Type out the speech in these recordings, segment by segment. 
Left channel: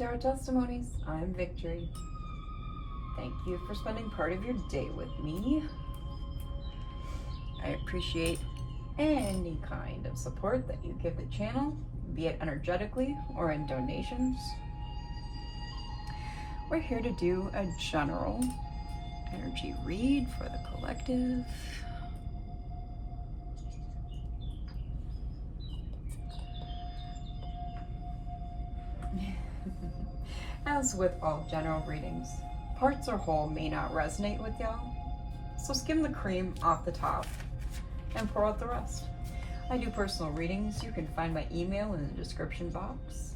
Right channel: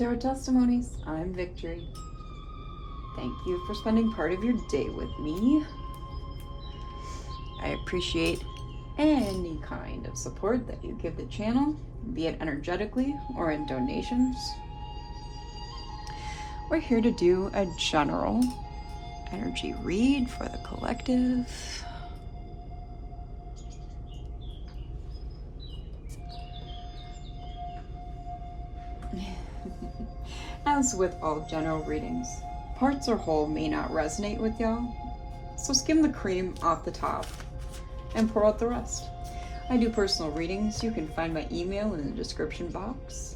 Tarot Testimonies. I'm Victory. Thank you for spending part of your day with me. I appreciate any kind of support that you give the channel, be it energetically or in donations. We're here to do a general energy read for the collective. As with all general readings, parts or whole may not resonate with y'all, so skim the cream off the top and pour out the rest. I do personal readings. You can find my email in the description box.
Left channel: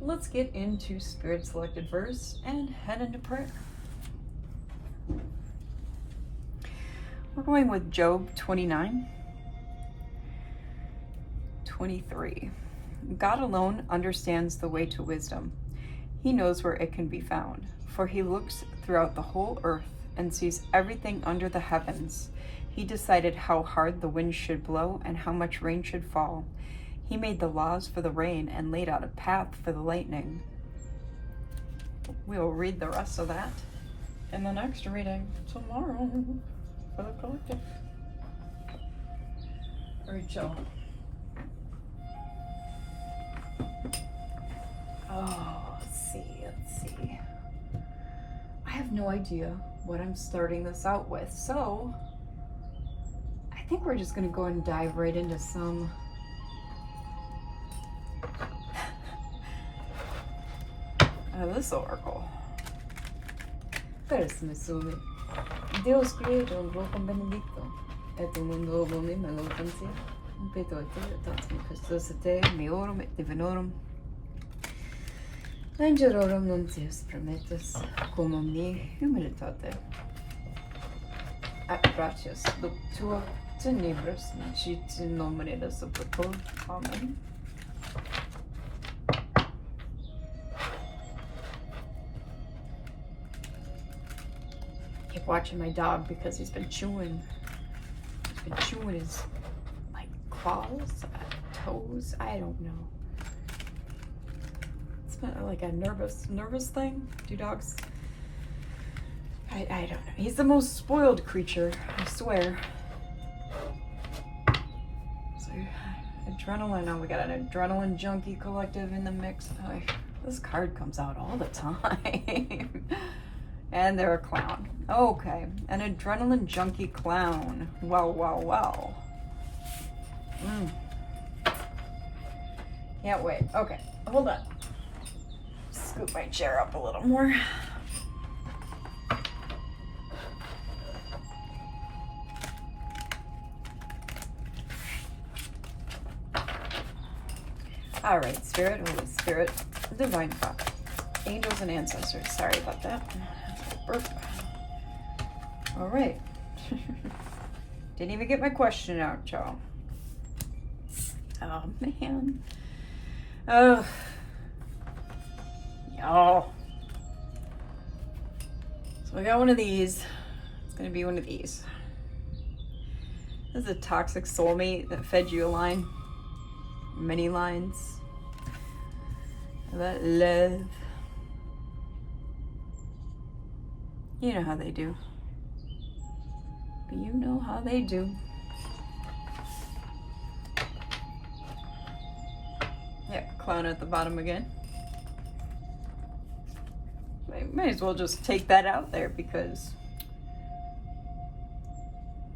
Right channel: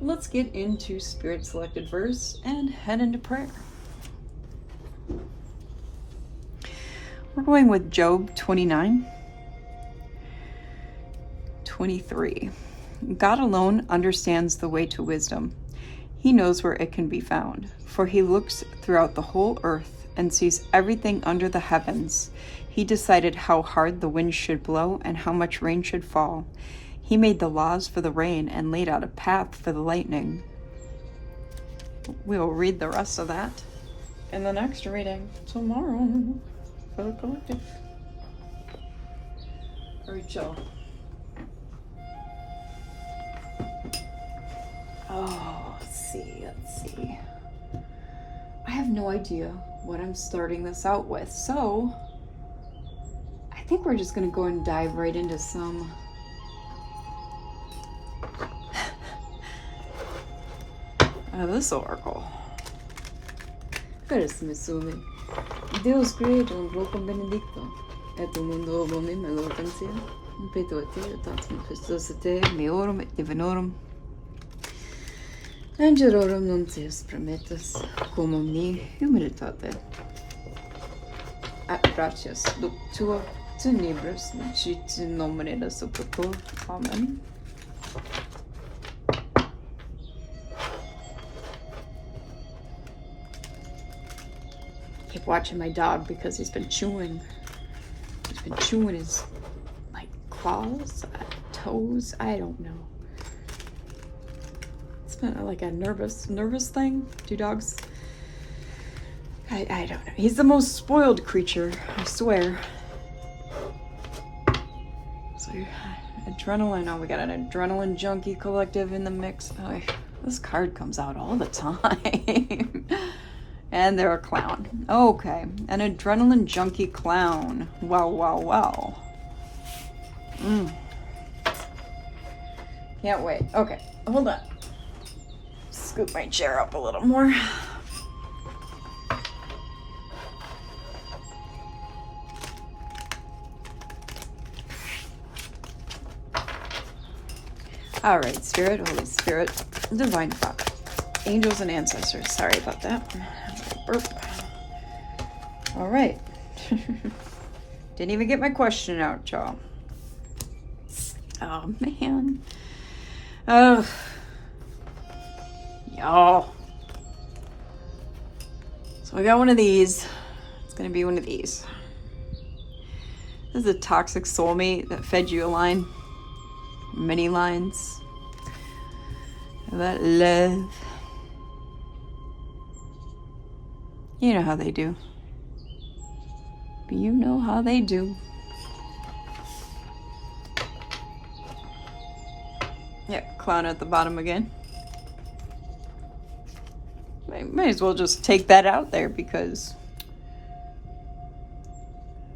Let's get into Spirit Selected verse and head into prayer. We're going with Job 29:23. God alone understands the way to wisdom. He knows where it can be found, for he looks throughout the whole earth and sees everything under the heavens. He decided how hard the wind should blow and how much rain should fall. He made the laws for the rain and laid out a path for the lightning. We'll read the rest of that in the next reading tomorrow for the collective. All right, y'all. Let's see. I have no idea what I'm starting this out with, so I think we're just gonna go and dive right into some this oracle. Carissimi sumi, Deus credo un poco benedicto, et un mundo omne melotantia, petoti, tantum Christus te, meorum et divinorum, Angelorum nuntius prometus, cum omni humilitate. At gratias tua tenebris, nocit in nomine Superior. Amen. Keep watching my dog because he's been chewing. He's been chewing his claws, toes. I don't know. Like a nervous thing. Do dogs? I don't know. He's the most spoiled creature, I swear. So adrenaline. Oh, we got an adrenaline junkie collective in the mix. Oh, this card comes out all the time. And they're a clown. Okay, an adrenaline junkie clown. Wow. Can't wait. Okay, hold on. Scoop my chair up a little more. All right, Spirit, Holy Spirit, Divine Father, angels and ancestors. Sorry about that. Burp. All right. Didn't even get my question out, y'all. Oh, man. Oh. Y'all. So we got one of these. It's gonna be one of these. This is a toxic soulmate that fed you a line. Many lines. That love. You know how they do. But you know how they do. Yep, clown at the bottom again. Might as well just take that out there because,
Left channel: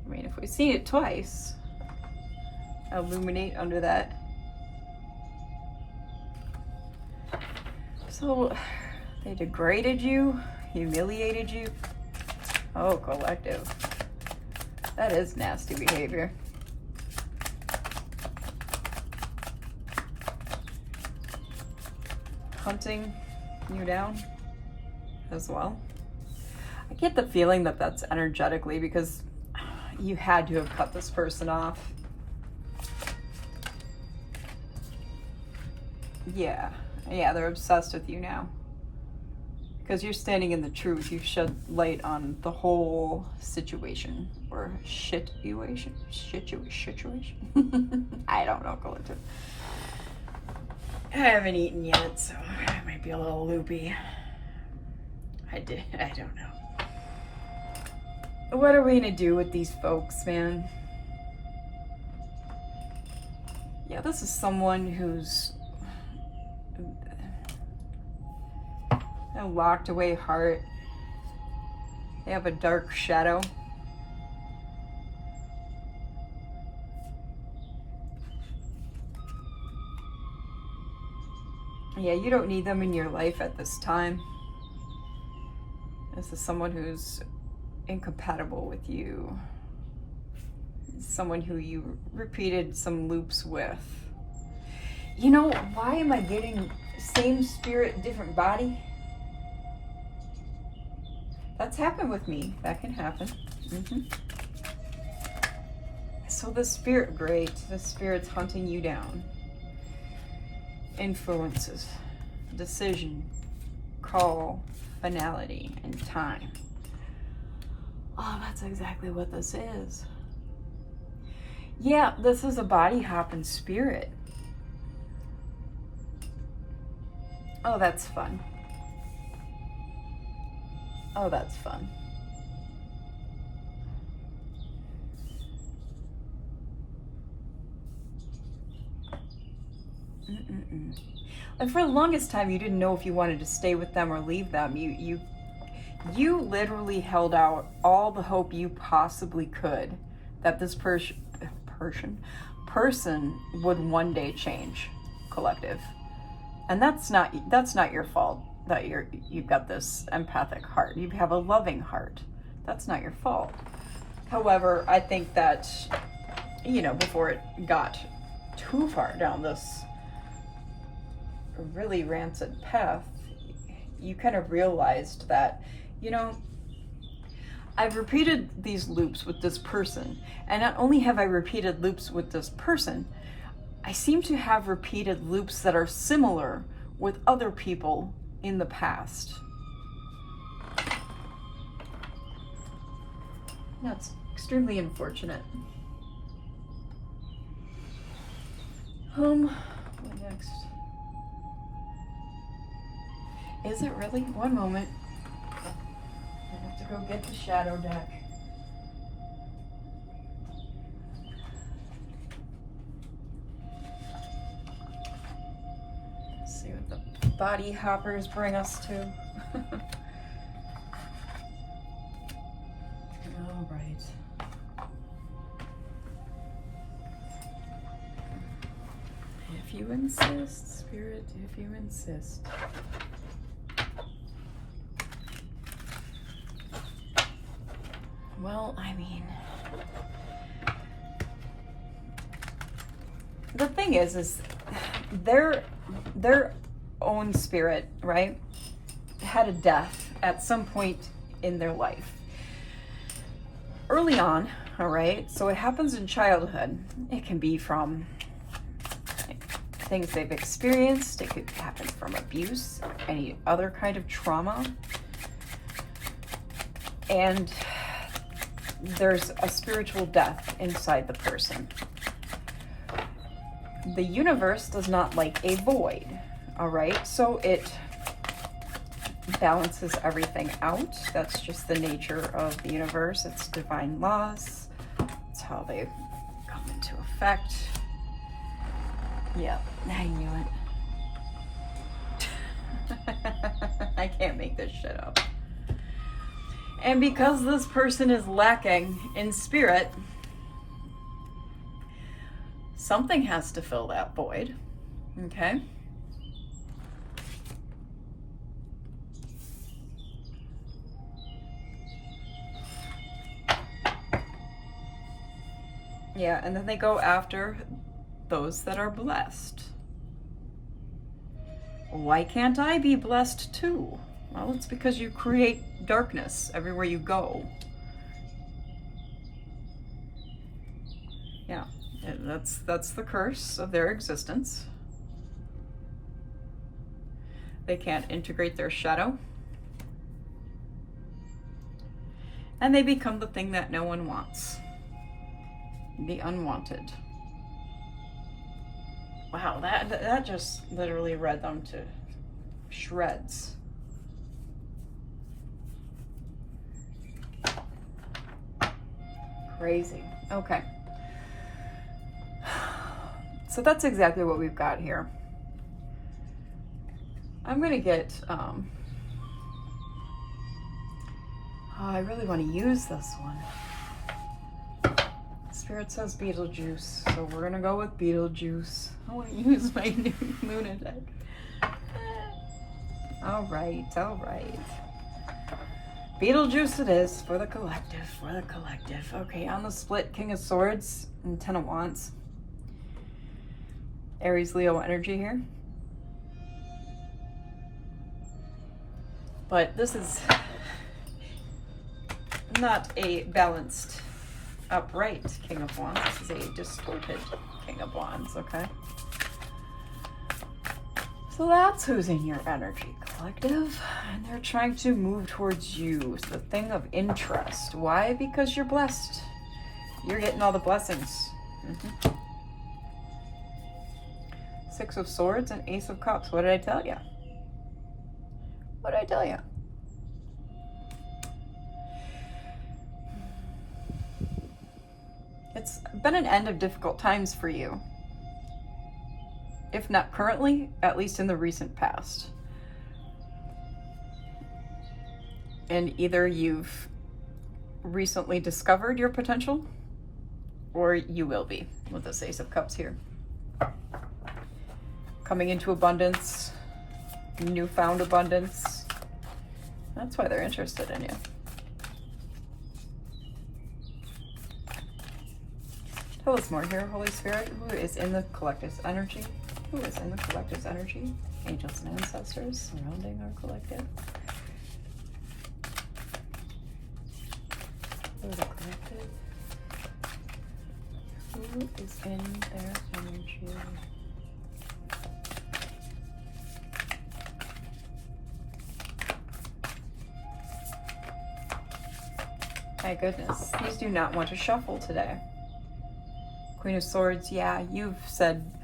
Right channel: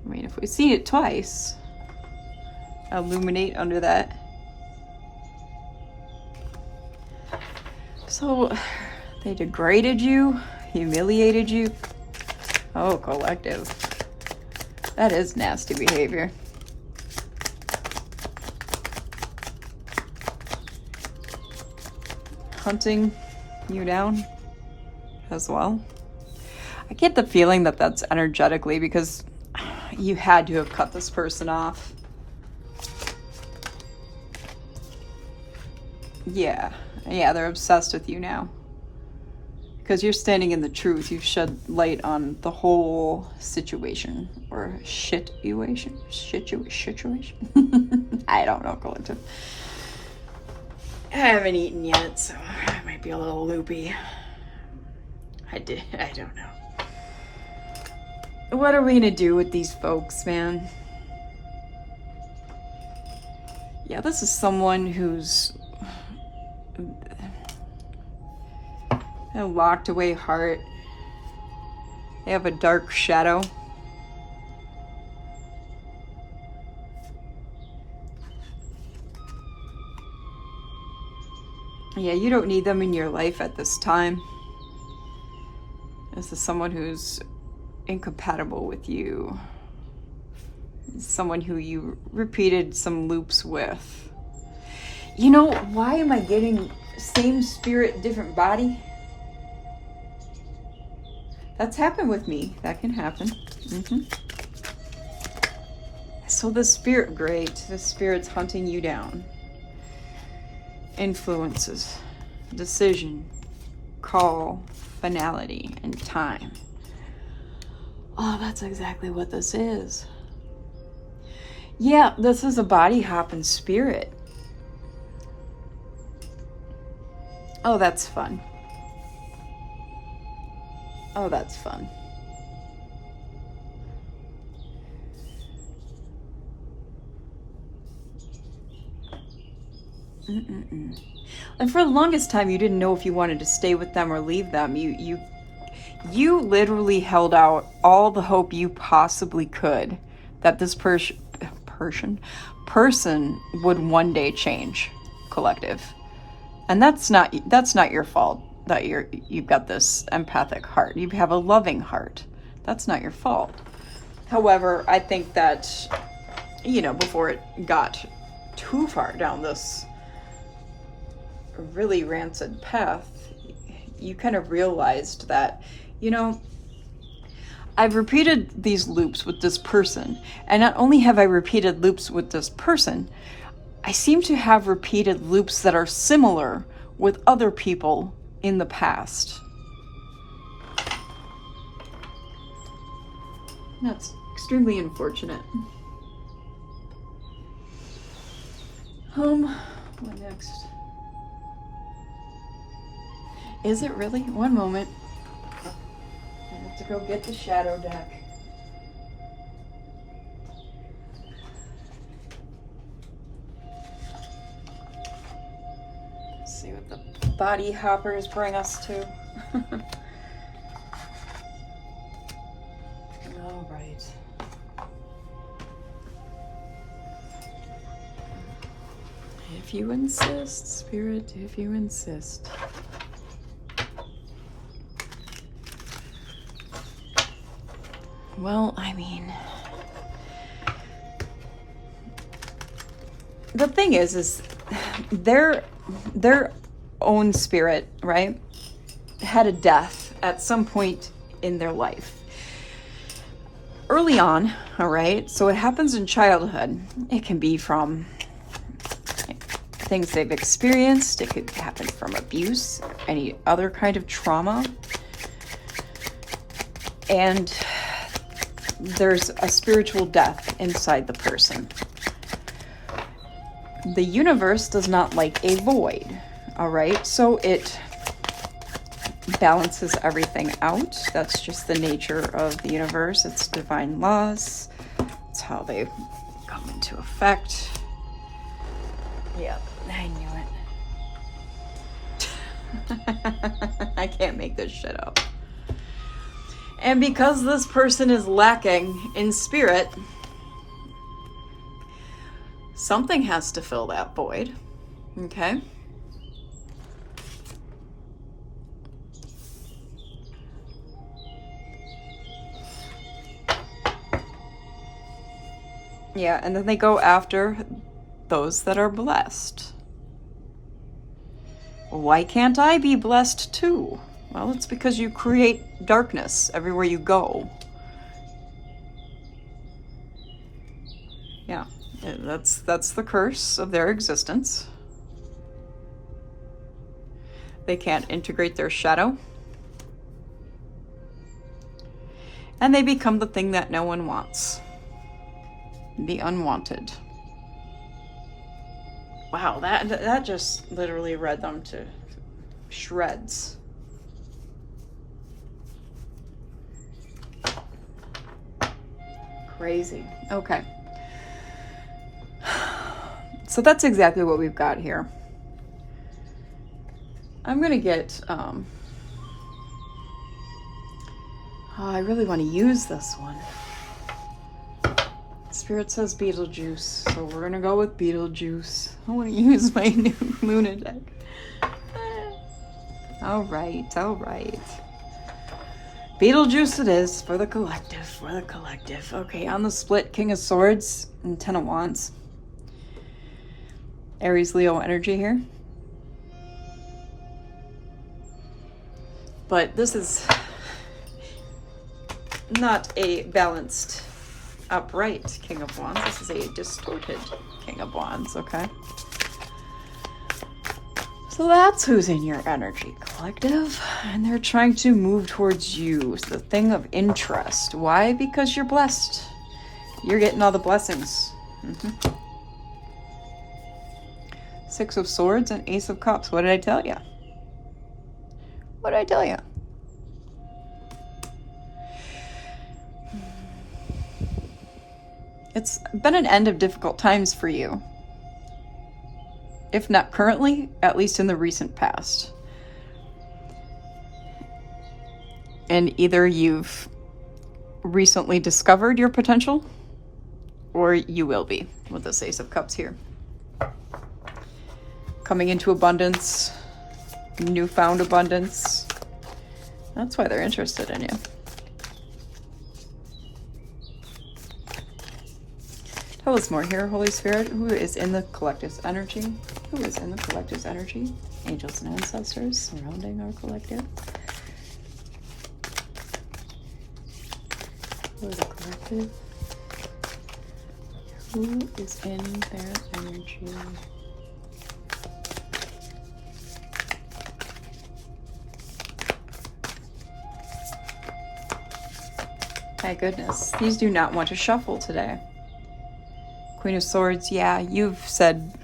I mean, if we've seen it twice, illuminate under that. So, they degraded you, humiliated you. Oh, collective. That is nasty behavior. Hunting you down as well. I get the feeling that that's energetically because you had to have cut this person off. Yeah, they're obsessed with you now. Because you're standing in the truth, you've shed light on the whole situation. Or situation. I don't know, collective. I haven't eaten yet, so my be a little loopy. I don't know. What are we gonna do with these folks, man? Yeah, this is someone who's a locked away heart. They have a dark shadow. Yeah, you don't need them in your life at this time. This is someone who's incompatible with you. Someone who you repeated some loops with. You know, why am I getting same spirit, different body? That's happened with me. That can happen. So the spirit, great. The spirit's hunting you down. Influences, decision, call, finality, and time. Oh, that's exactly what this is. Yeah, this is a body hopping spirit. Oh, that's fun. Oh, that's fun. And for the longest time, you didn't know if you wanted to stay with them or leave them. You literally held out all the hope you possibly could that this person would one day change, collective. And that's not your fault that you've got this empathic heart. You have a loving heart. That's not your fault. However, I think that, before it got too far down this really rancid path, you kind of realized that, I've repeated these loops with this person, and not only have I repeated loops with this person, I seem to have repeated loops that are similar with other people in the past. That's extremely unfortunate. What next? Is it really? One moment. I have to go get the shadow deck. Let's see what the body hoppers bring us to. All right. If you insist, Spirit, if you insist. Well, I mean, the thing is their own spirit, right, had a death at some point in their life. Early on, all right, so it happens in childhood. It can be from things they've experienced. It could happen from abuse, any other kind of trauma. And there's a spiritual death inside the person. The universe does not like a void, all right? So it balances everything out. That's just the nature of the universe. It's divine laws. It's how they come into effect. Yeah, I knew it. I can't make this shit up. And because this person is lacking in spirit, something has to fill that void, okay? Yeah, and then they go after those that are blessed. Why can't I be blessed too? Well, it's because you create darkness everywhere you go. Yeah, that's the curse of their existence. They can't integrate their shadow. And they become the thing that no one wants. The unwanted. Wow, that just literally read them to shreds. Crazy. Okay. So that's exactly what we've got here. I'm going to get, I really want to use this one. Spirit says Beetlejuice, so we're going to go with Beetlejuice. I want to use my new Luna deck. All right, all right. Beetlejuice it is for the collective, for the collective. Okay, on the split, King of Swords and Ten of Wands. Aries, Leo energy here. But this is not a balanced, upright King of Wands. This is a distorted King of Wands, okay? So that's who's in your energy, collective. And they're trying to move towards you. It's the thing of interest. Why? Because you're blessed. You're getting all the blessings. Six of Swords and Ace of Cups. What did I tell you? What did I tell you? It's been an end of difficult times for you. If not currently, at least in the recent past. And either you've recently discovered your potential, or you will be with this Ace of Cups here. Coming into abundance, newfound abundance. That's why they're interested in you. Tell us more here, Holy Spirit. Who is in the collective's energy? Who is in the collective's energy? Angels and ancestors surrounding our collective. Who is the collective? Who is in their energy? My goodness, these do not want to shuffle today. Queen of Swords, yeah, you've said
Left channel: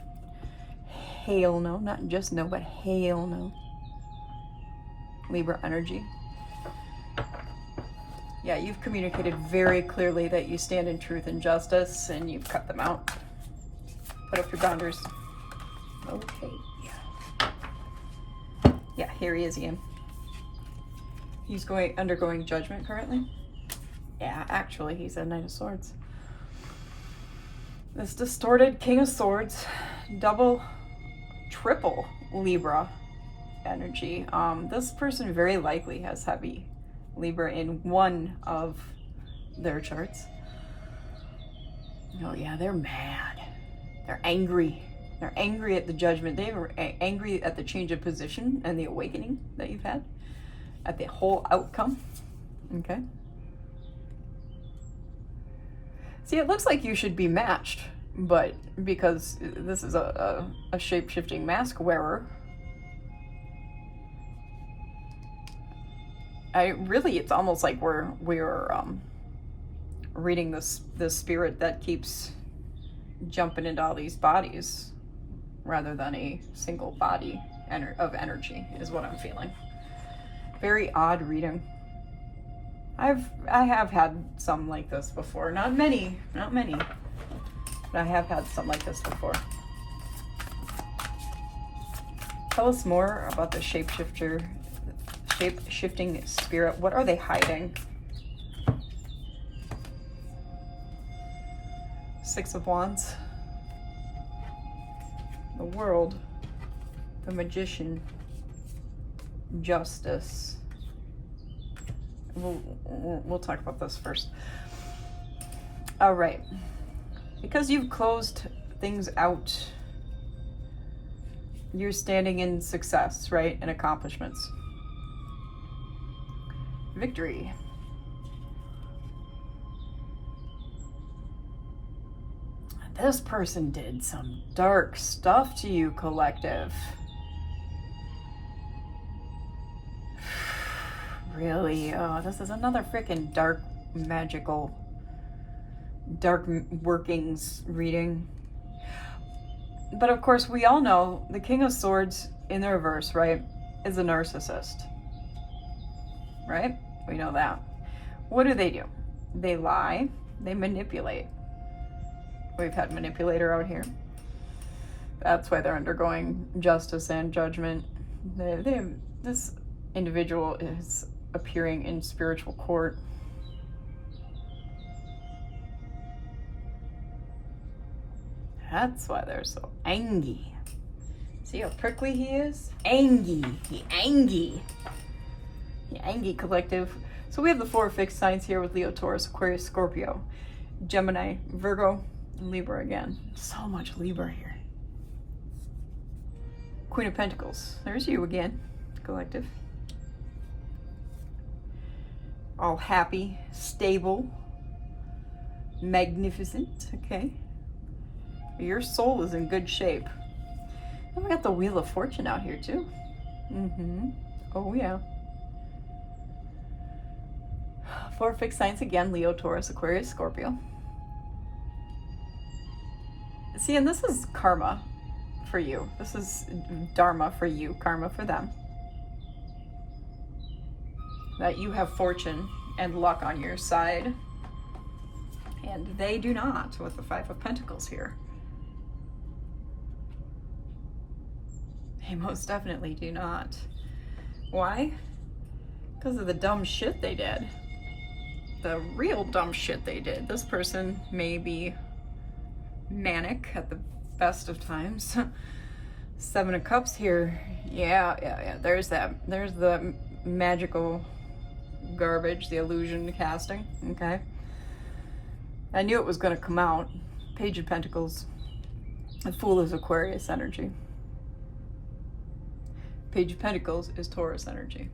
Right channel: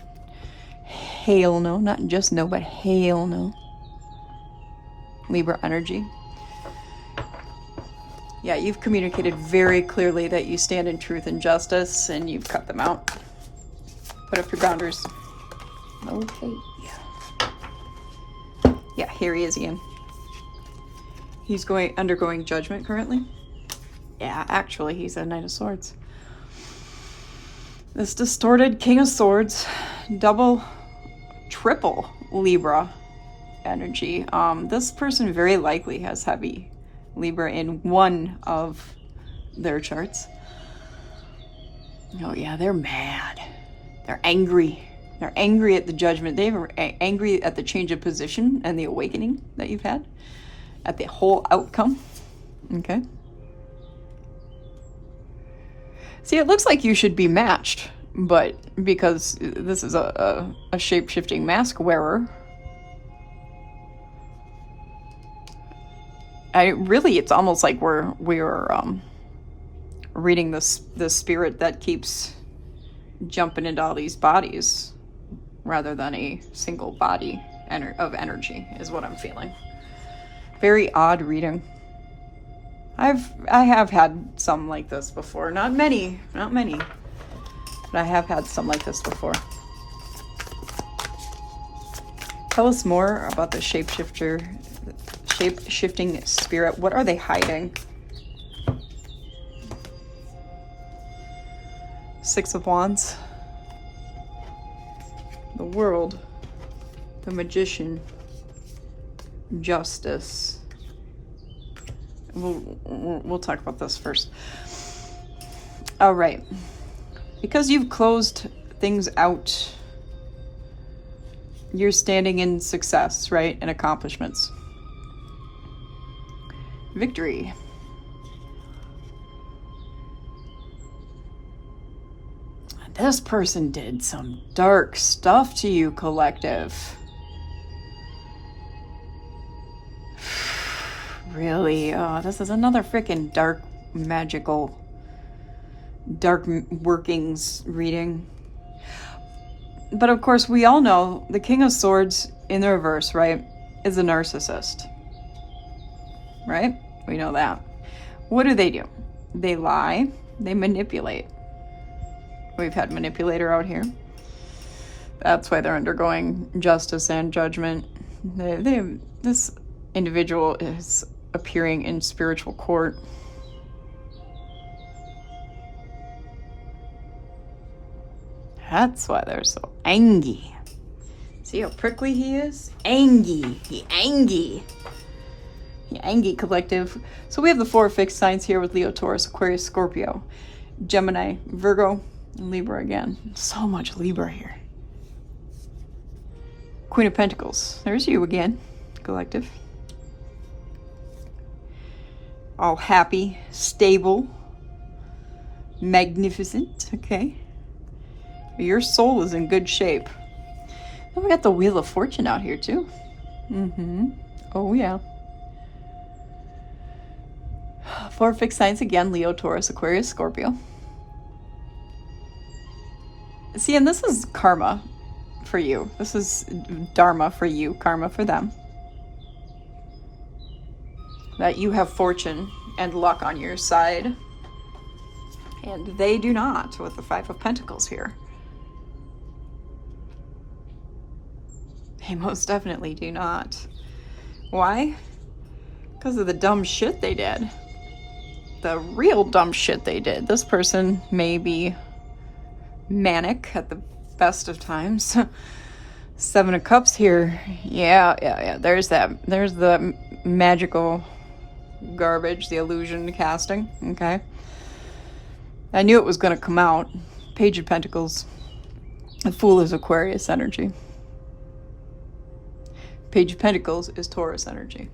hell no, not just no, but hell no. Libra energy. Yeah, you've communicated very clearly that you stand in truth and justice, and you've cut them out. Put up your boundaries. Okay. Yeah, here he is again. He's undergoing judgment currently. Yeah, actually, he's a Knight of Swords. This distorted King of Swords, double, triple Libra energy. This person very likely has heavy Libra in one of their charts. Oh yeah, they're mad. They're angry. They're angry at the judgment. They're angry at the change of position and the awakening that you've had, at the whole outcome. Okay. See, it looks like you should be matched, but because this is a shape-shifting mask wearer, it's almost like we're reading the spirit that keeps jumping into all these bodies rather than a single body of energy is what I'm feeling. Very odd reading. I have had some like this before. Not many, but I have had some like this before. Tell us more about the shape-shifting spirit. What are they hiding? Six of Wands. The World. The Magician. Justice. We'll talk about this first. All right. Because you've closed things out, you're standing in success, right? And accomplishments. Victory. This person did some dark stuff to you, collective. Really? Oh, this is another freaking dark, magical, dark workings reading. But of course, we all know the King of Swords in the reverse, right? is a narcissist. Right? We know that. What do? They lie, they manipulate. We've had manipulator out here. That's why they're undergoing justice and judgment. This individual is appearing in spiritual court. That's why they're so angry. See how prickly he is? Angry. He angry. The Angie collective. So we have the 4 fixed signs here with Leo, Taurus, Aquarius, Scorpio, Gemini, Virgo, and Libra again. So much Libra here. Queen of Pentacles. There's you again, collective. All happy, stable, magnificent. Okay. Your soul is in good shape. And we got the Wheel of Fortune out here too. Oh yeah. 4 fixed signs again, Leo, Taurus, Aquarius, Scorpio. See, and this is karma for you. This is dharma for you, karma for them. That you have fortune and luck on your side. And they do not, with the 5 of Pentacles here. They most definitely do not. Why? Because of the dumb shit they did. The real dumb shit they did. This person may be manic at the best of times. 7 of Cups here. Yeah. There's the magical garbage, the illusion casting. Okay. I knew it was going to come out. Page of Pentacles. The Fool is Aquarius energy. Page of Pentacles is Taurus energy.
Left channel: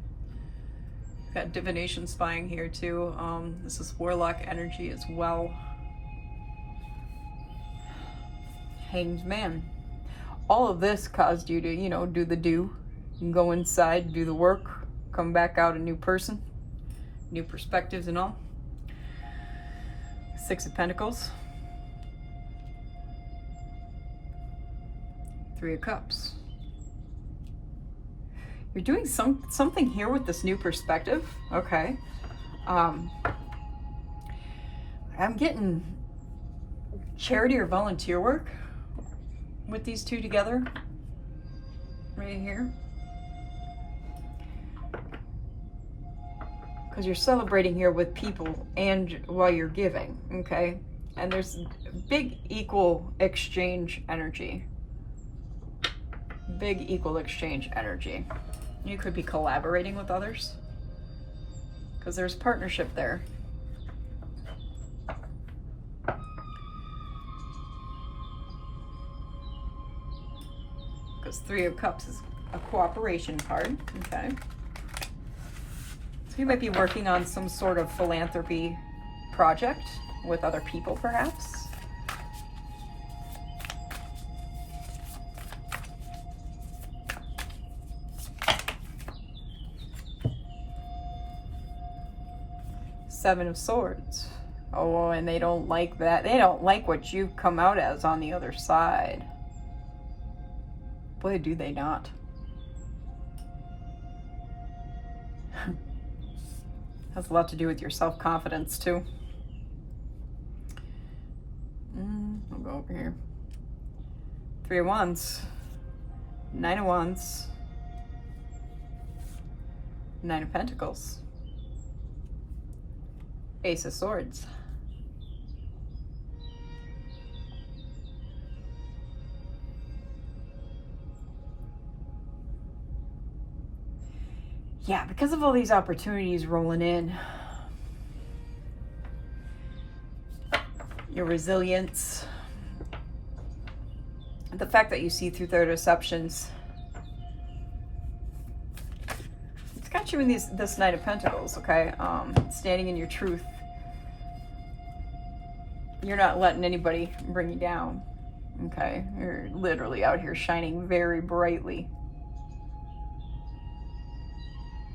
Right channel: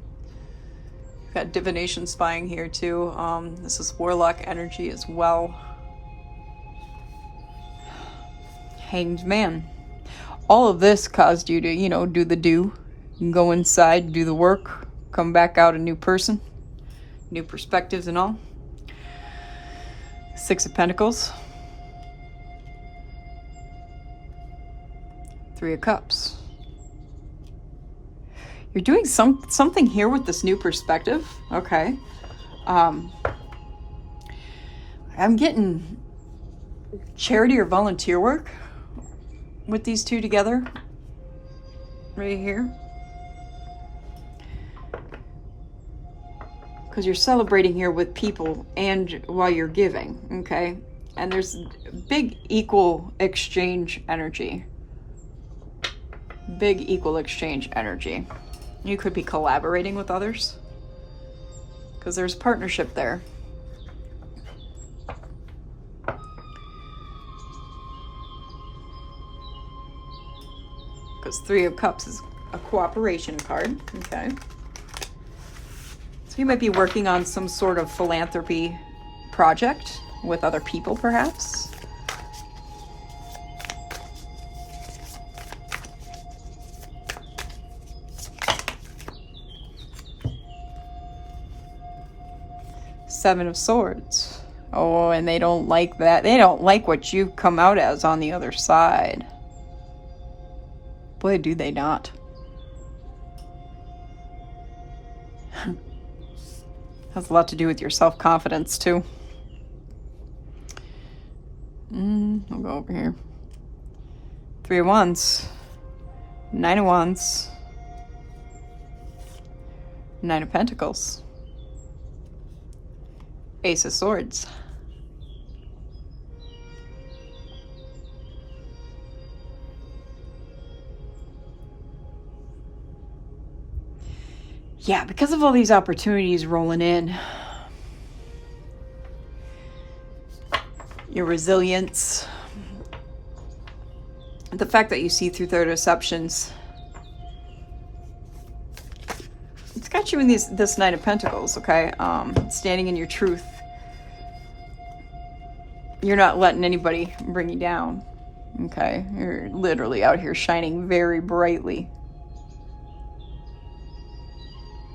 Got divination spying here too. This is warlock energy as well. Hanged Man. All of this caused you to, do the do. Go inside, do the work, come back out a new person, new perspectives and all. 6 of Pentacles. 3 of Cups. You're doing something here with this new perspective. Okay. I'm getting charity or volunteer work with these two together. Right here. Because you're celebrating here with people and while you're giving. Okay. And there's big equal exchange energy. Big equal exchange energy. You could be collaborating with others because there's partnership there. Because 3 of Cups is a cooperation card. Okay. So you might be working on some sort of philanthropy project with other people, perhaps. Seven of Swords. Oh, and they don't like that. They don't like what you've come out as on the other side. Boy, do they not. Has a lot to do with your self-confidence, too. I'll go over here. 3 of Wands. 9 of Wands. 9 of Pentacles. Ace of Swords. Yeah, because of all these opportunities rolling in, your resilience, the fact that you see through their deceptions, it's got you in this Knight of Pentacles, okay? Standing in your truth. You're not letting anybody bring you down, okay? You're literally out here shining very brightly.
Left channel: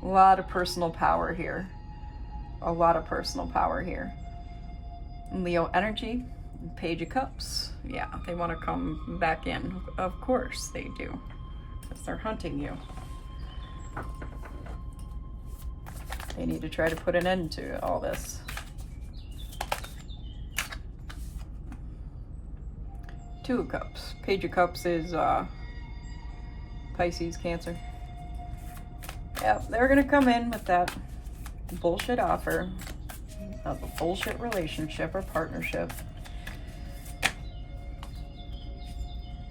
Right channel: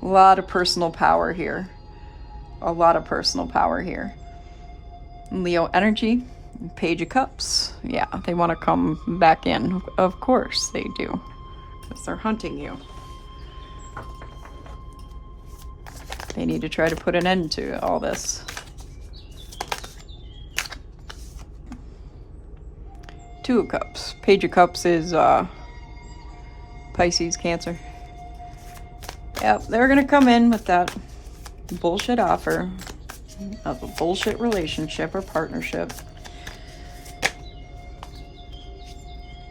A lot of personal power here. A lot of personal power here. Leo energy, Page of Cups. Yeah, they want to come back in. Of course they do. Because they're hunting you. They need to try to put an end to all this. Two of Cups. Page of Cups is Pisces, Cancer. Yep, they're gonna come in with that bullshit offer of a bullshit relationship or partnership.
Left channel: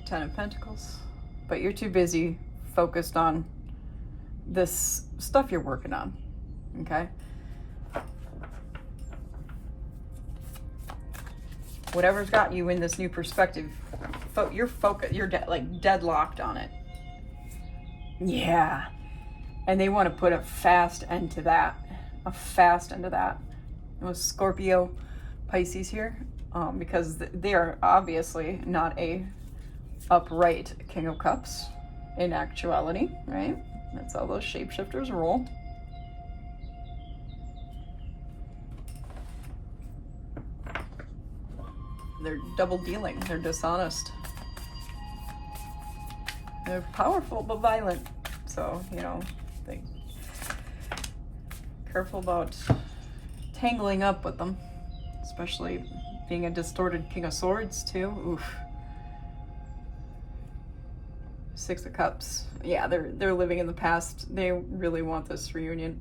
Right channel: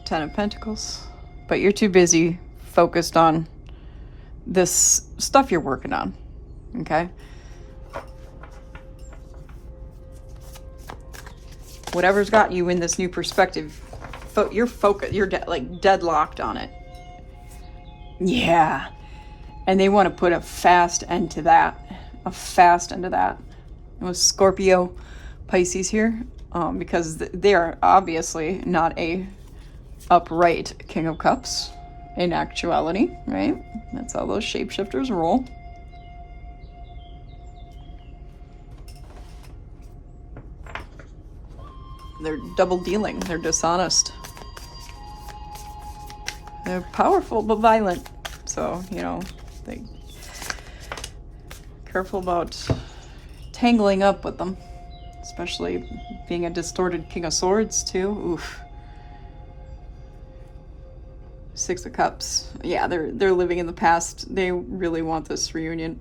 Ten of Pentacles. But you're too busy focused on this stuff you're working on. Okay? Whatever's got you in this new perspective, you're focused, you're like deadlocked on it. Yeah. And they want to put a fast end to that. A fast end to that. It was Scorpio, Pisces here, because they are obviously not a upright King of Cups in actuality, right? That's how those shapeshifters roll. They're double dealing. They're dishonest. They're powerful but violent. So, you know, they careful about tangling up with them, especially being a distorted King of Swords too. Oof. Six of Cups. Yeah, they're living in the past. They really want this reunion.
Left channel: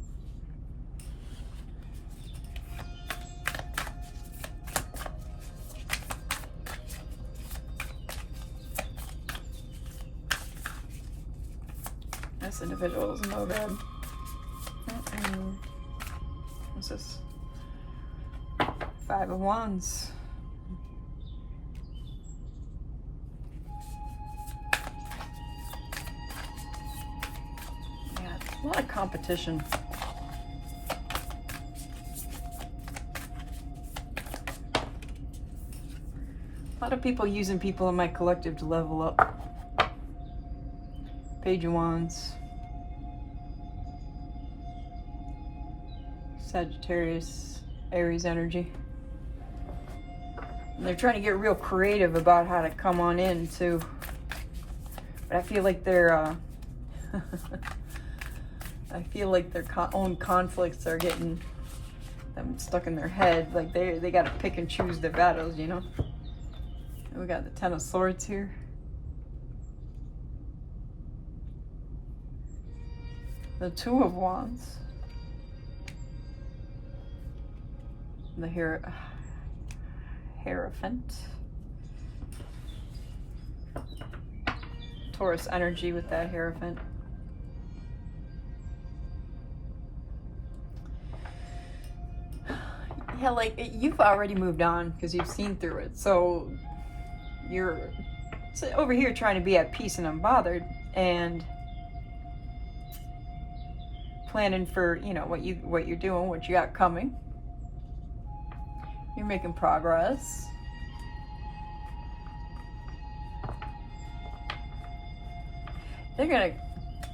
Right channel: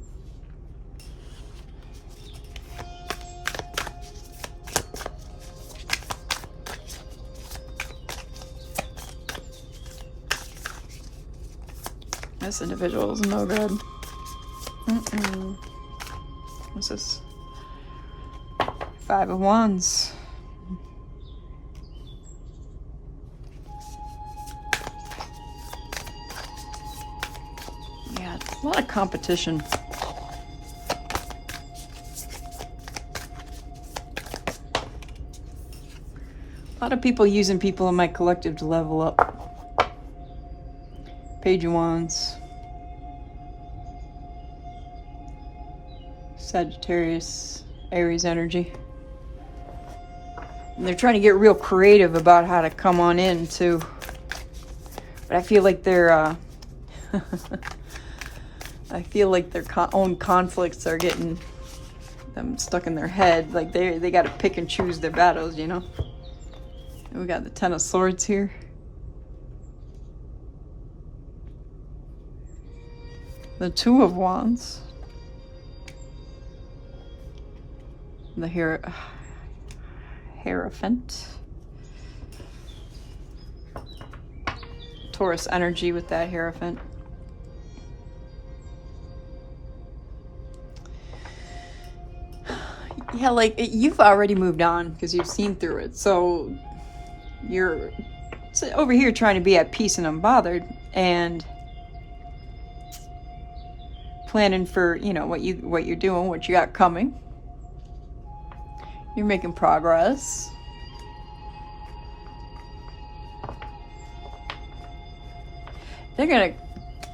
This individual is no good. What's this? Five of Wands. Yeah, a lot of competition. A lot of people using people in my collective to level up. Page of Wands. Sagittarius, Aries energy. And they're trying to get real creative about how to come on in too. But I feel like their own conflicts are getting them stuck in their head. Like they got to pick and choose their battles, you know. We got the Ten of Swords here. The Two of Wands. The Hierophant. Taurus energy with that Hierophant. Yeah, like you've already moved on because you've seen through it. So you're over here trying to be at peace and unbothered and planning for, you know, what you're doing, what you got coming. You're making progress. They're gonna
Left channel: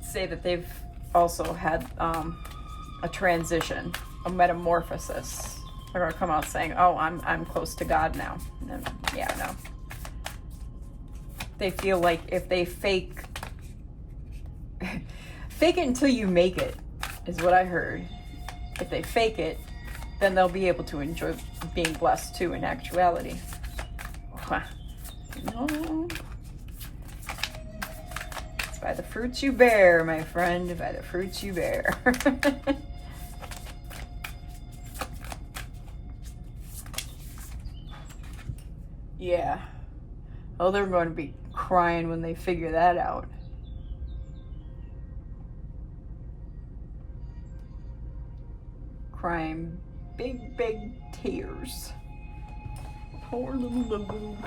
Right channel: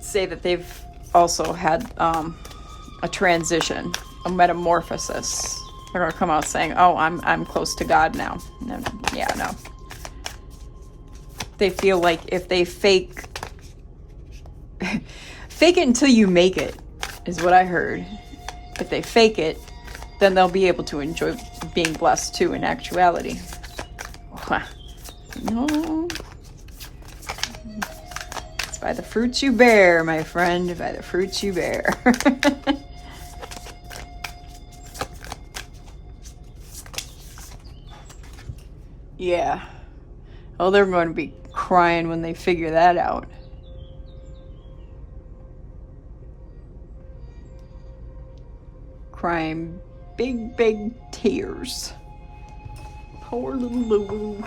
say that they've also had a transition, a metamorphosis. They're gonna come out saying, "Oh, I'm close to God now." And yeah, no. They feel like if they fake it until you make it, is what I heard. If they fake it, then they'll be able to enjoy being blessed too in actuality. No. It's by the fruits you bear, my friend, by the fruits you bear. Yeah. Oh, they're going to be crying when they figure that out. Crying big tears. Poor little Lulu.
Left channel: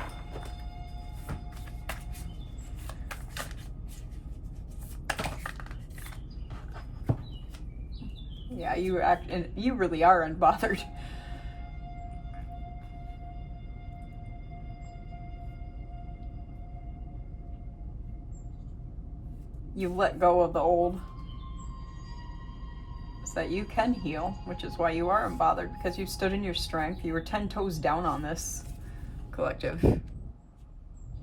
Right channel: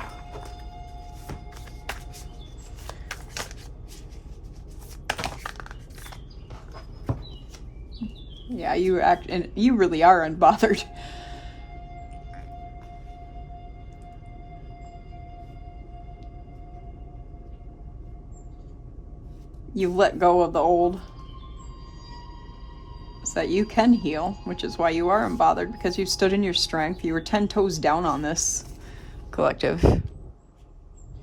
Yeah, you really are unbothered. You've let go of the old. So that you can heal, which is why you are unbothered, because you stood in your strength. You were 10 toes down on this collective.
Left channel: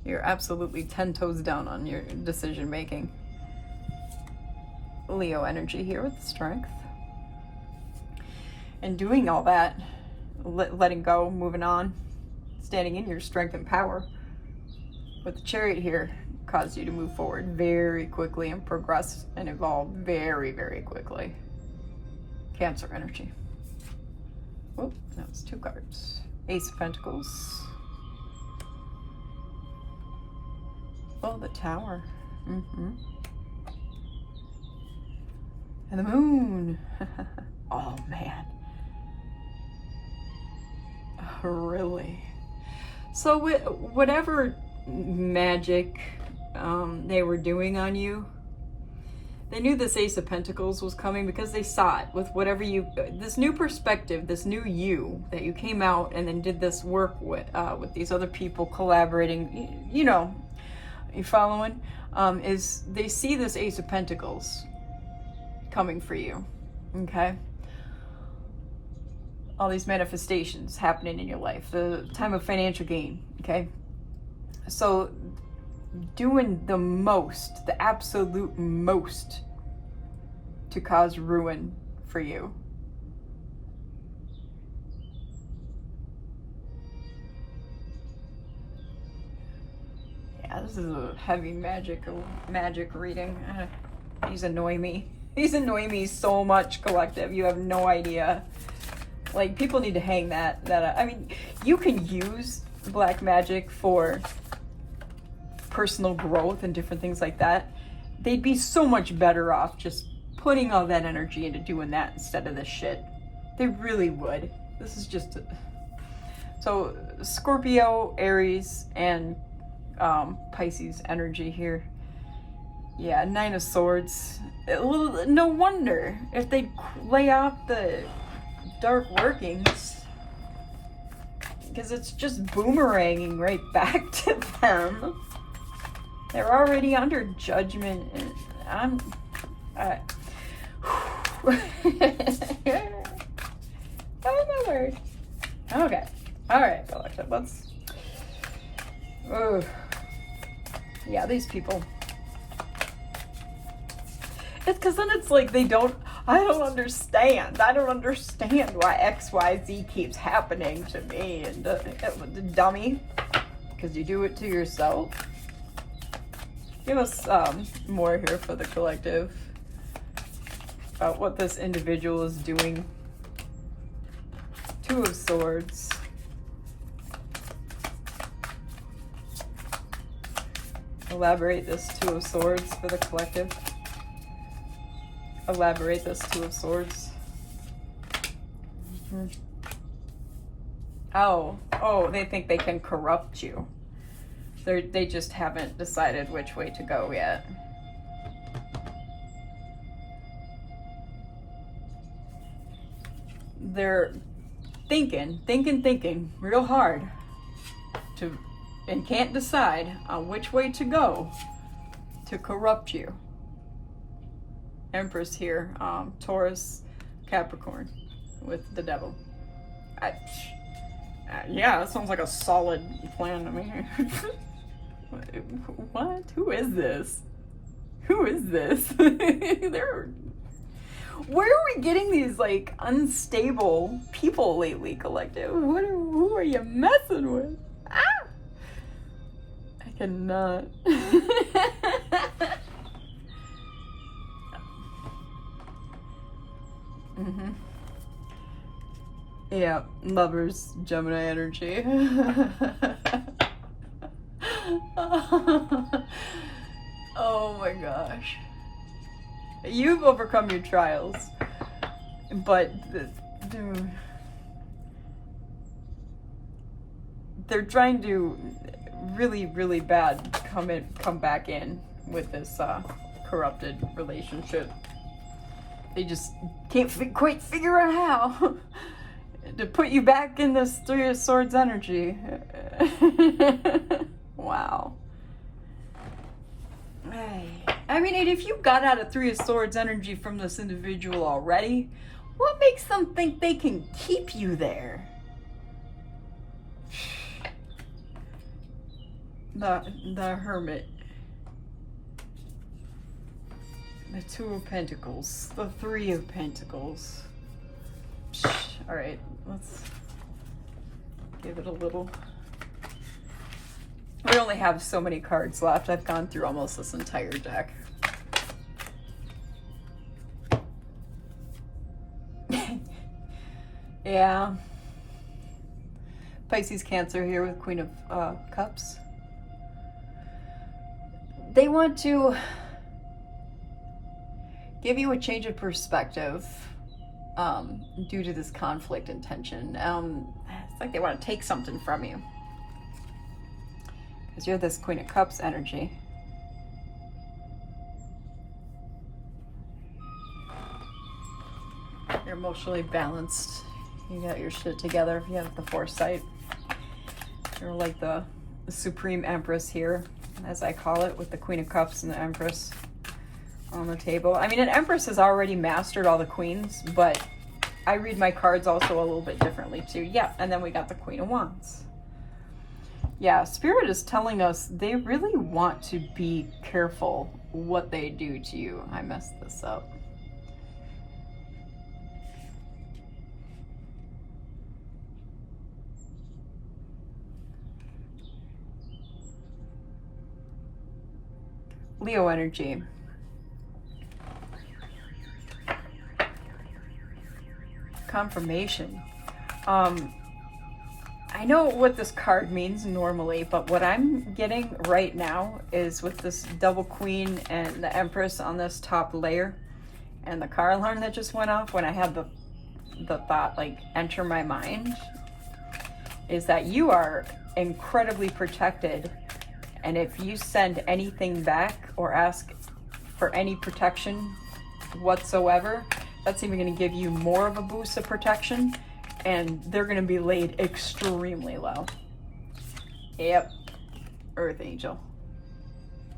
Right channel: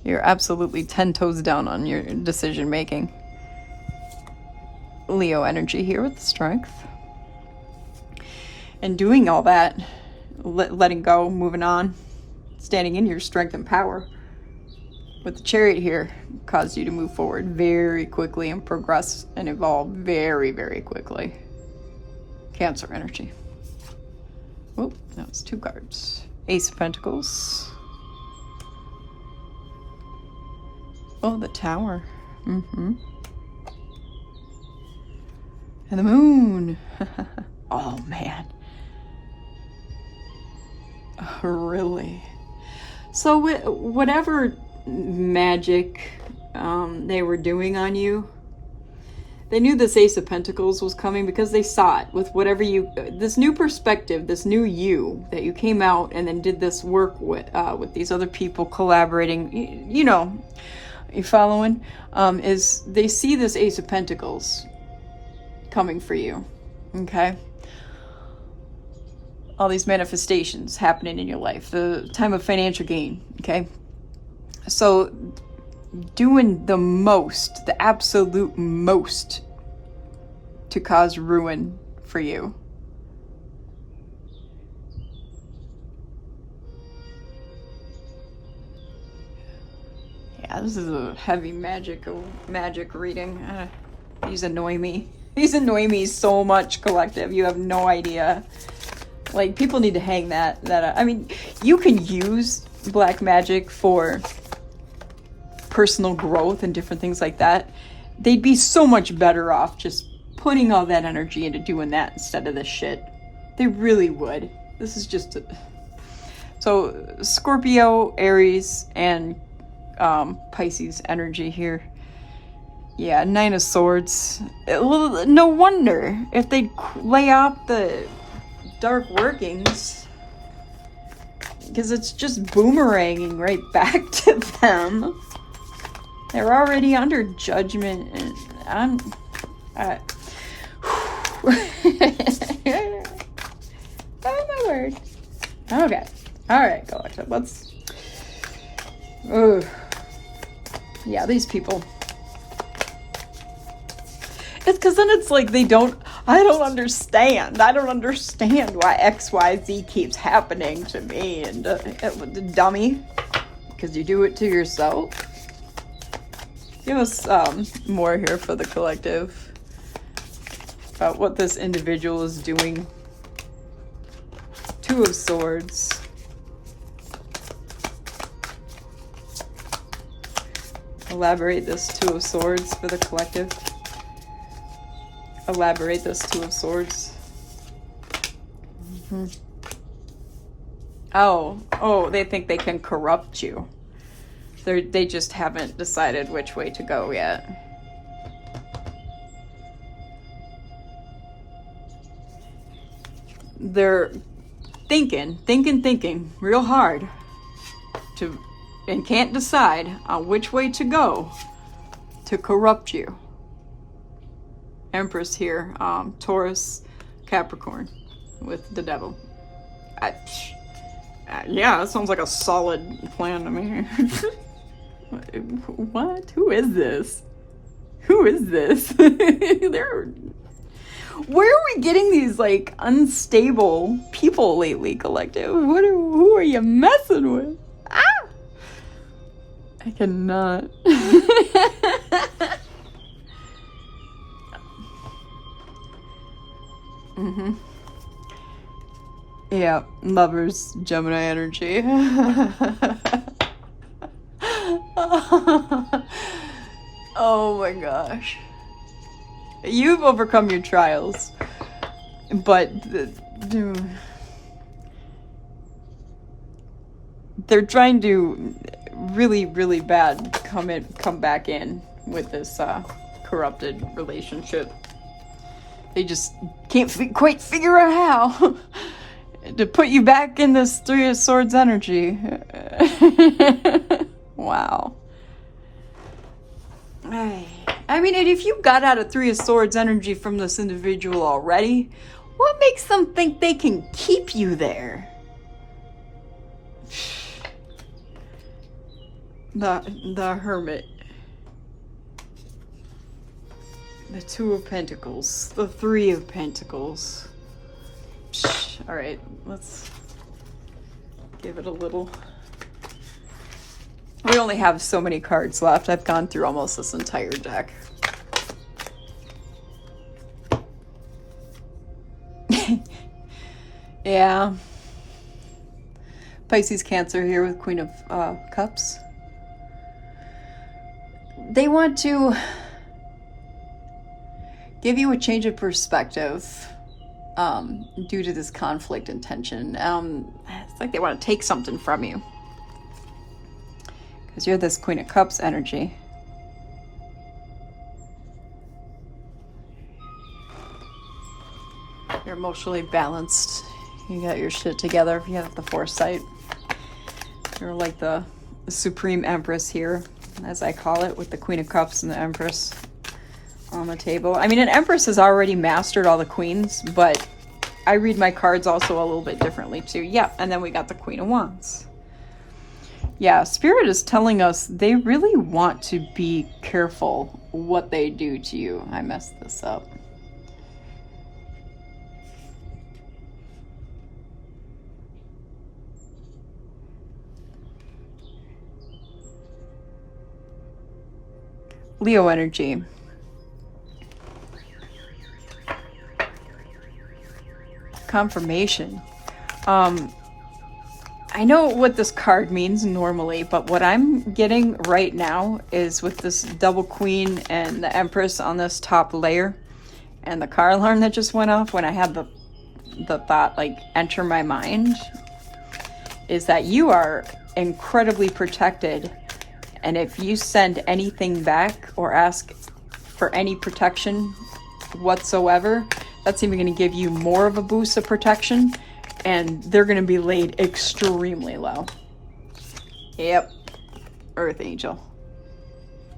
You're absolutely 10 toes down on your decision making. Leo energy here with the strength. And doing all that, letting go, moving on, standing in your strength and power with the Chariot here caused you to move forward very quickly and progress and evolve very, very quickly. Cancer energy. Oh, that was 2 cards. Ace of Pentacles. Oh, the Tower. And the Moon. Oh, man. Really? So whatever magic they were doing on you, they knew this Ace of Pentacles was coming because they saw it with whatever this new perspective, this new you that you came out and then did this work with these other people collaborating. You know, you following? Is they see this Ace of Pentacles coming for you, okay? All these manifestations happening in your life, the time of financial gain, okay? So doing the most, the absolute most to cause ruin for you. Yeah, this is a heavy magic reading. These annoy me. These annoy me so much, collective. You have no idea. Like, people need to hang that I mean, you can use black magic for personal growth and different things like that. They'd be so much better off just putting all that energy into doing that instead of this shit. They really would. This is just so Scorpio, Aries, and Pisces energy here. Yeah, 9 of Swords. Well, no wonder if they lay off the dark workings, because it's just boomeranging right back to them. They're already under judgment, and oh my word. Okay, all right, collective. Let's. Yeah, these people. It's because then it's like I don't understand. I don't understand why XYZ keeps happening to me. And dummy, because you do it to yourself. Give us more here for the collective about what this individual is doing. 2 of Swords. Elaborate this 2 of Swords for the collective. Elaborate this 2 of Swords. Oh, they think they can corrupt you. They just haven't decided which way to go yet. They're thinking real hard and can't decide on which way to go to corrupt you. Empress here, Taurus, Capricorn with the Devil. Yeah, that sounds like a solid plan to me. What? Who is this? Who is this? Where are we getting these like unstable people lately, collective? Who are you messing with? Ah! I cannot. Yeah, Lovers, Gemini energy. Oh my gosh. You've overcome your trials, but they're trying to really, really bad come back in with this corrupted relationship. They just can't quite figure out how to put you back in this 3 of Swords energy. Wow. I mean, if you got out of 3 of Swords energy from this individual already, what makes them think they can keep you there? The Hermit. The 2 of Pentacles. The 3 of Pentacles. right, let's give it a little. We only have so many cards left. I've gone through almost this entire deck. Yeah. Pisces, Cancer here with Queen of Cups. They want to give you a change of perspective due to this conflict and tension. It's like they want to take something from you. Because you're this Queen of Cups energy. You're emotionally balanced. You got your shit together. You have the foresight. You're like the Supreme Empress here, as I call it, with the Queen of Cups and the Empress on the table. I mean, an Empress has already mastered all the queens, but I read my cards also a little bit differently too. Yeah, and then we got the Queen of Wands. Yeah, Spirit is telling us they really want to be careful what they do to you. I messed this up. Leo energy. Confirmation. I know what this card means normally, but what I'm getting right now is with this double queen and the Empress on this top layer and the car alarm that just went off when I had the thought like enter my mind, is that you are incredibly protected. And if you send anything back or ask for any protection whatsoever, that's even going to give you more of a boost of protection, and they're going to be laid extremely low. Yep. Earth Angel.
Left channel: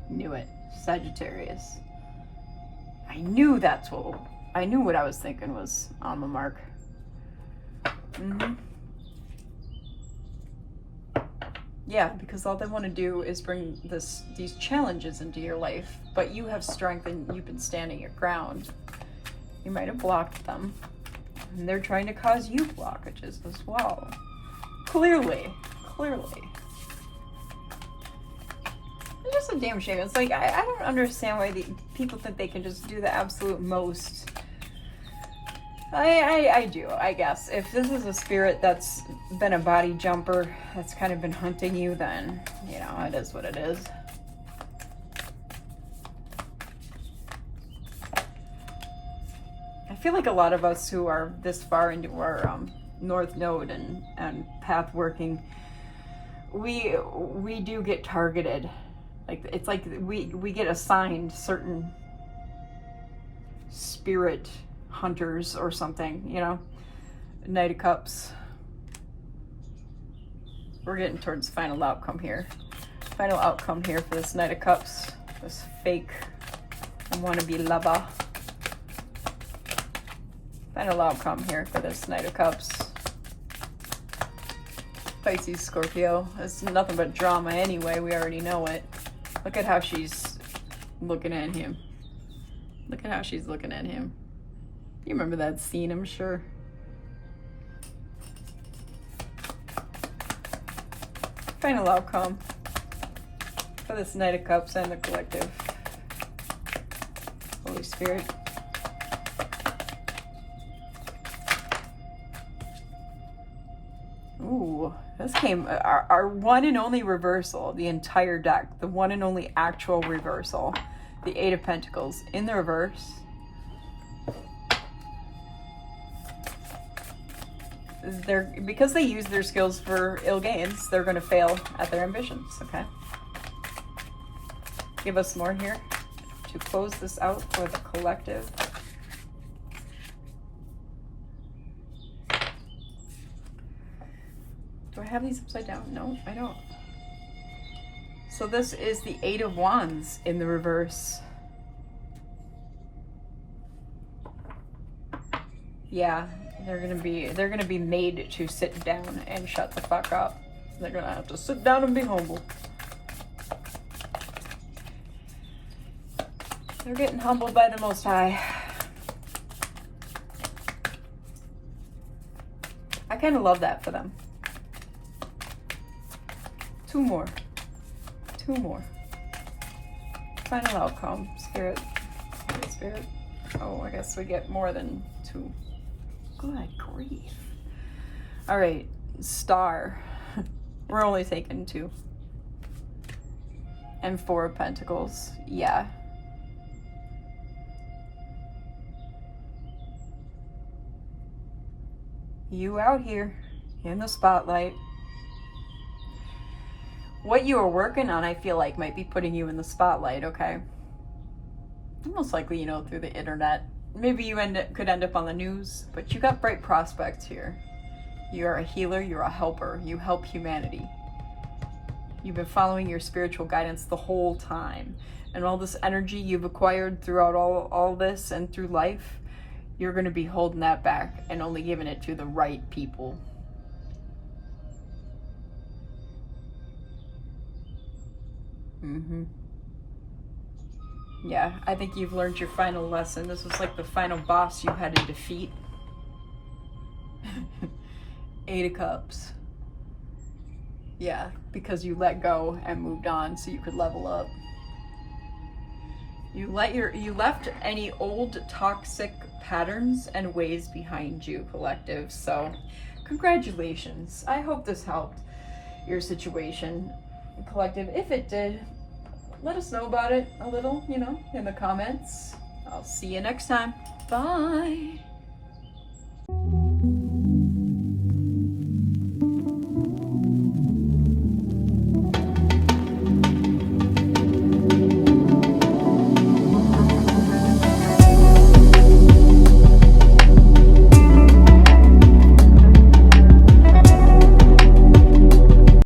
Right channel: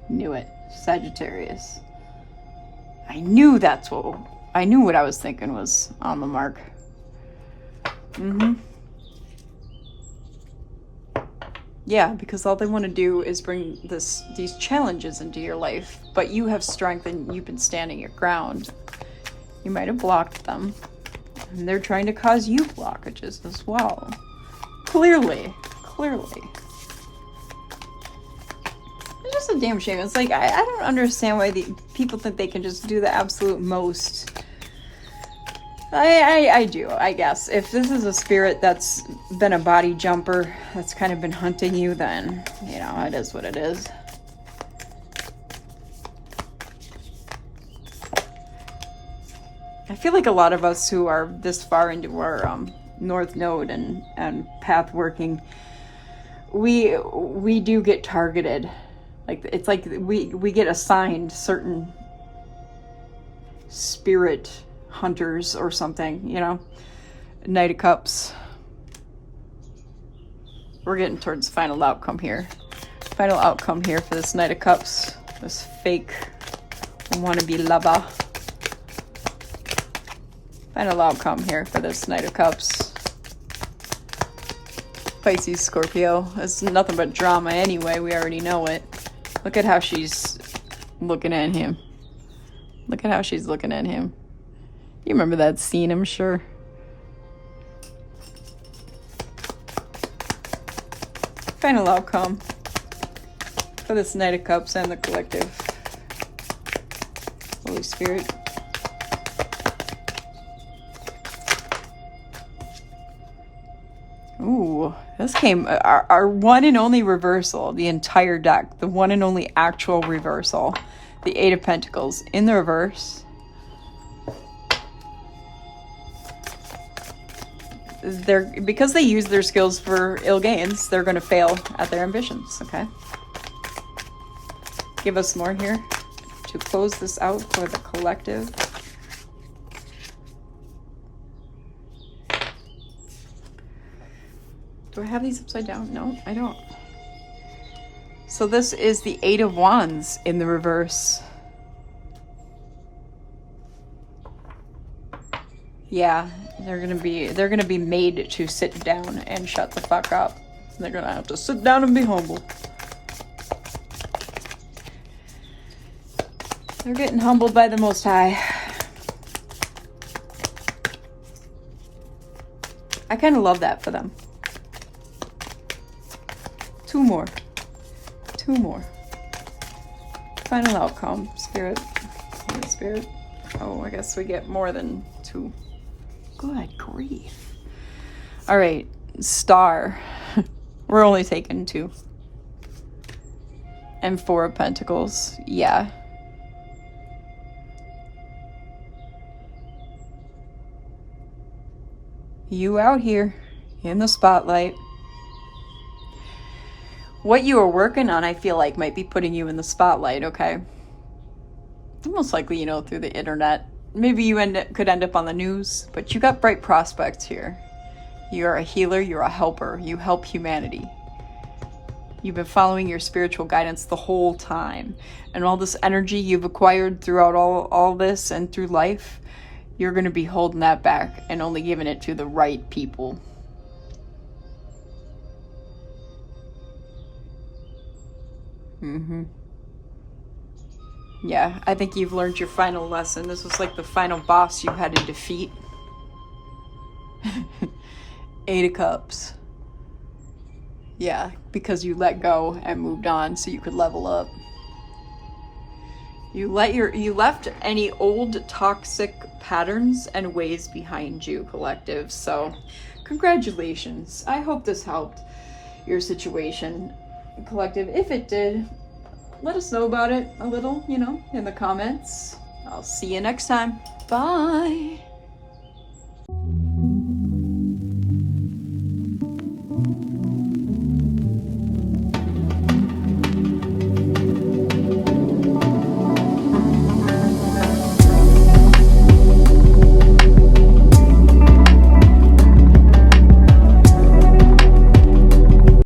Knew it. Sagittarius. I knew what I was thinking was on the mark. Yeah, because all they want to do is bring these challenges into your life, but you have strength and you've been standing your ground. You might have blocked them, and they're trying to cause you blockages as well. Clearly. It's just a damn shame. It's like, I don't understand why the people think they can just do the absolute most. I do, I guess. If this is a spirit that's been a body jumper, that's kind of been hunting you, then, you know, it is what it is. I feel like a lot of us who are this far into our North Node and path working, we do get targeted. Like, it's like we get assigned certain spirit hunters or something, you know. Knight of Cups. We're getting towards final outcome here. Final outcome here for this Knight of Cups. This fake wannabe lover. Final outcome here for this Knight of Cups. Pisces, Scorpio. It's nothing but drama anyway. We already know it. Look at how she's looking at him. Look at how she's looking at him. You remember that scene, I'm sure. Final outcome for this Knight of Cups and the collective. Holy Spirit. Ooh, this came, our one and only reversal, the entire deck. The one and only actual reversal. The Eight of Pentacles in the reverse. Because they use their skills for ill gains, they're going to fail at their ambitions, okay? Give us more here to close this out for the collective. Do I have these upside down? No, I don't. So this is the Eight of Wands in the reverse. Yeah. They're gonna be made to sit down and shut the fuck up. They're gonna have to sit down and be humble. They're getting humbled by the Most High. I kind of love that for them. Two more. Final outcome. Spirit. Holy Spirit. Oh, I guess we get more than 2. Good grief. All right, Star. We're only taking 2. And 4 of Pentacles. Yeah. You out here in the spotlight. What you are working on, I feel like, might be putting you in the spotlight, okay? Most likely, through the internet. Maybe you could end up on the news, but you got bright prospects here. You're a healer, you're a helper, you help humanity. You've been following your spiritual guidance the whole time. And all this energy you've acquired throughout all this and through life, you're going to be holding that back and only giving it to the right people. Yeah, I think you've learned your final lesson. This was like the final boss you had to defeat. 8 of Cups. Yeah, because you let go and moved on so you could level up. You left any old toxic patterns and ways behind you, collective. So, congratulations. I hope this helped your situation, collective. If it did, let us know about it a little, in the comments. I'll see you next time. Bye.